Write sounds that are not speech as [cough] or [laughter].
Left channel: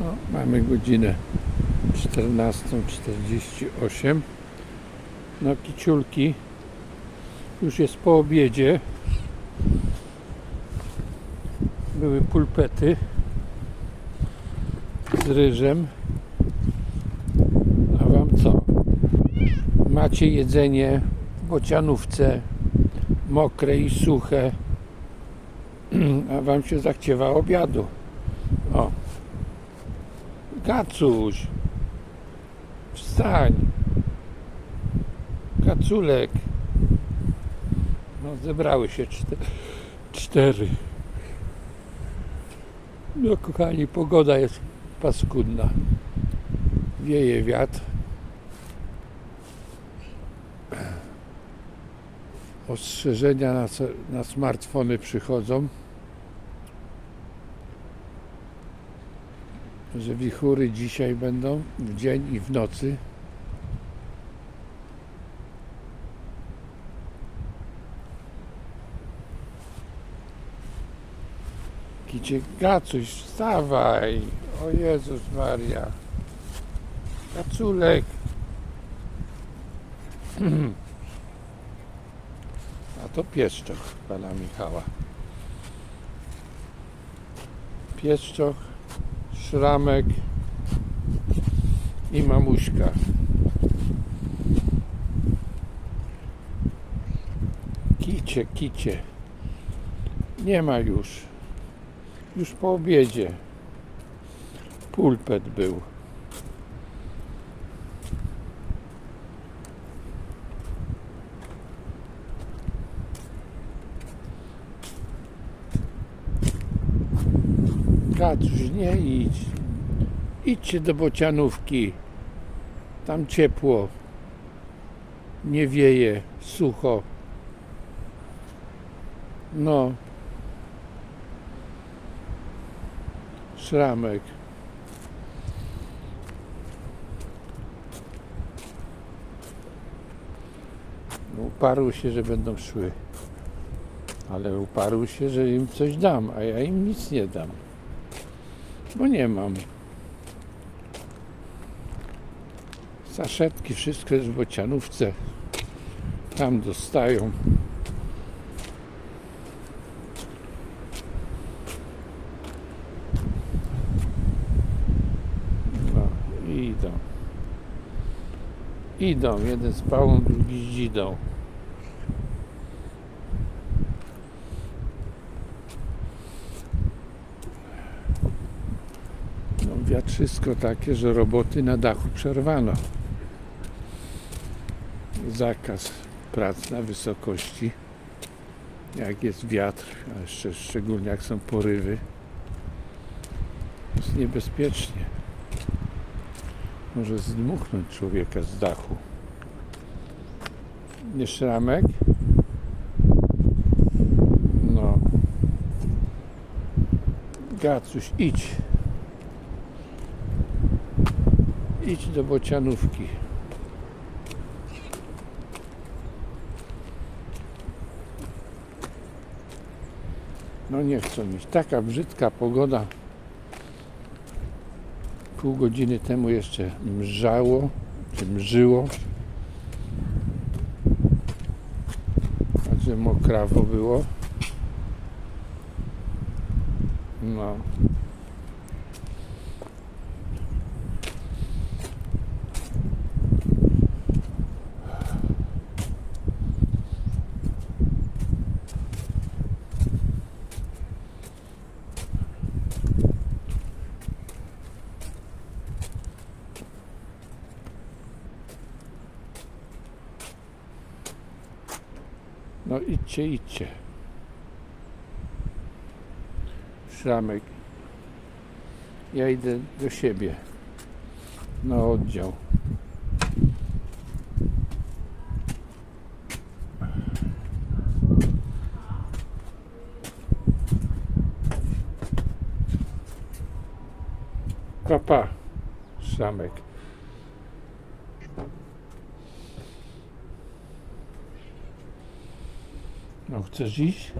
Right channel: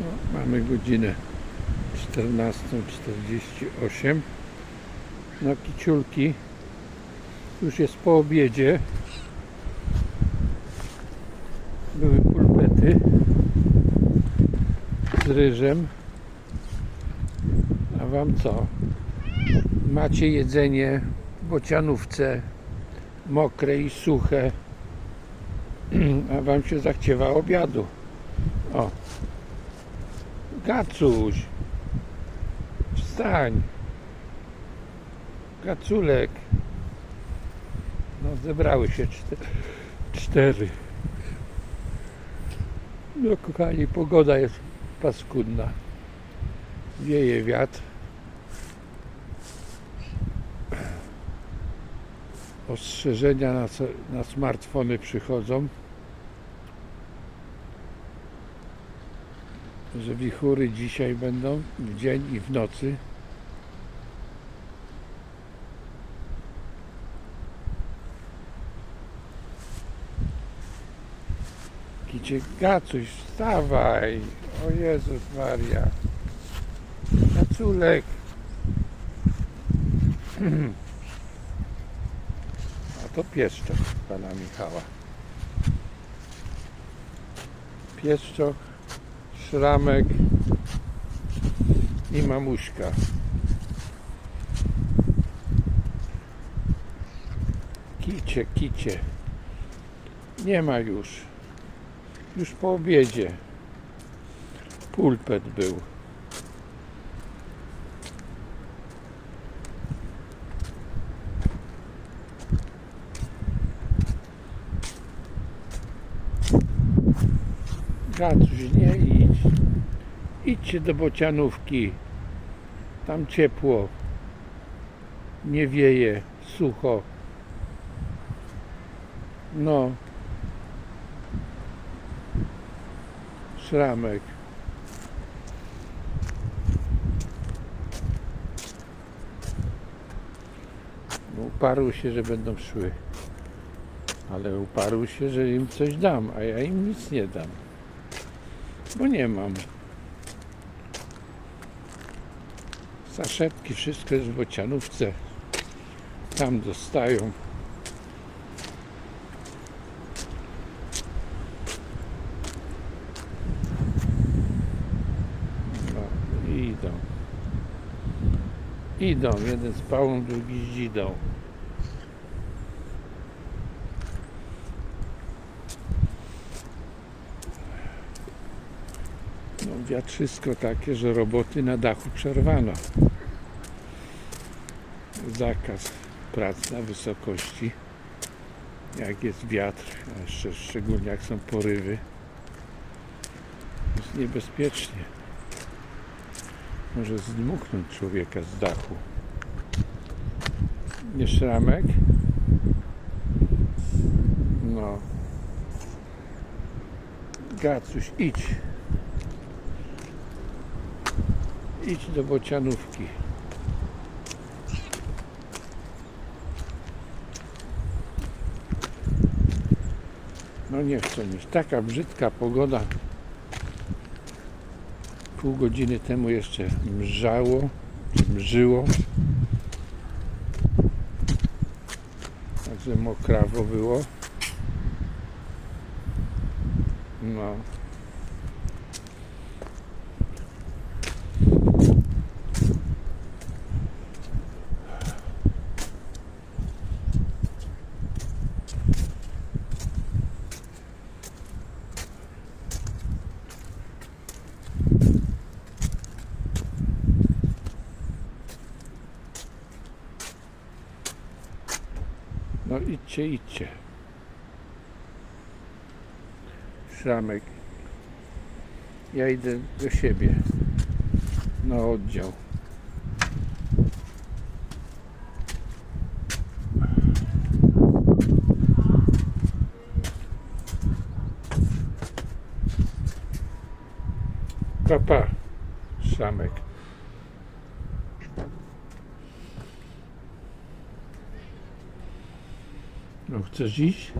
No, mamy godzinę 14.48. No kiciulki już jest po obiedzie. Były pulpety z ryżem. A wam co? Macie jedzenie w bocianówce mokre i suche. [clears throat] A wam się zachciewa obiadu. O. Gacuś. Wstań. Gaculek. No zebrały się czte- cztery. No kochani, pogoda jest paskudna. Wieje wiatr. Ostrzeżenia na, na smartfony przychodzą. Że wichury dzisiaj będą w dzień i w nocy. Idzie Gacuś, wstawaj! O Jezus Maria! Gaculek! [clears throat] A to pieszczoch pana Michała. Pieszczoch Szramek i mamuśka. Kicie, kicie. Nie ma już. Już po obiedzie. Pulpet był. Gacuś, nie idź. Idźcie do bocianówki. Tam ciepło. Nie wieje, sucho. No. Szramek. No, uparły się, że będą szły. Ale uparły się, że im coś dam, a ja im nic nie dam. Bo nie mam. Saszetki, wszystko jest w bocianówce. Tam dostają. No, idą. Idą. Jeden z pałą, drugi z dzidą. No, wiatrzysko takie, że roboty na dachu przerwano. Zakaz prac na wysokości. Jak jest wiatr, a jeszcze szczególnie jak są porywy, jest niebezpiecznie. Może zdmuchnąć człowieka z dachu. Nie szramek? No. Gacuś, idź. Idź do bocianówki. No nie chcę mi. Taka brzydka pogoda. Pół godziny temu jeszcze mrzało, mrzyło. Także mokrawo było. No. No idźcie, idźcie. Szramek. Ja idę do siebie. Na oddział. Papa, Szramek. No chcesz iść?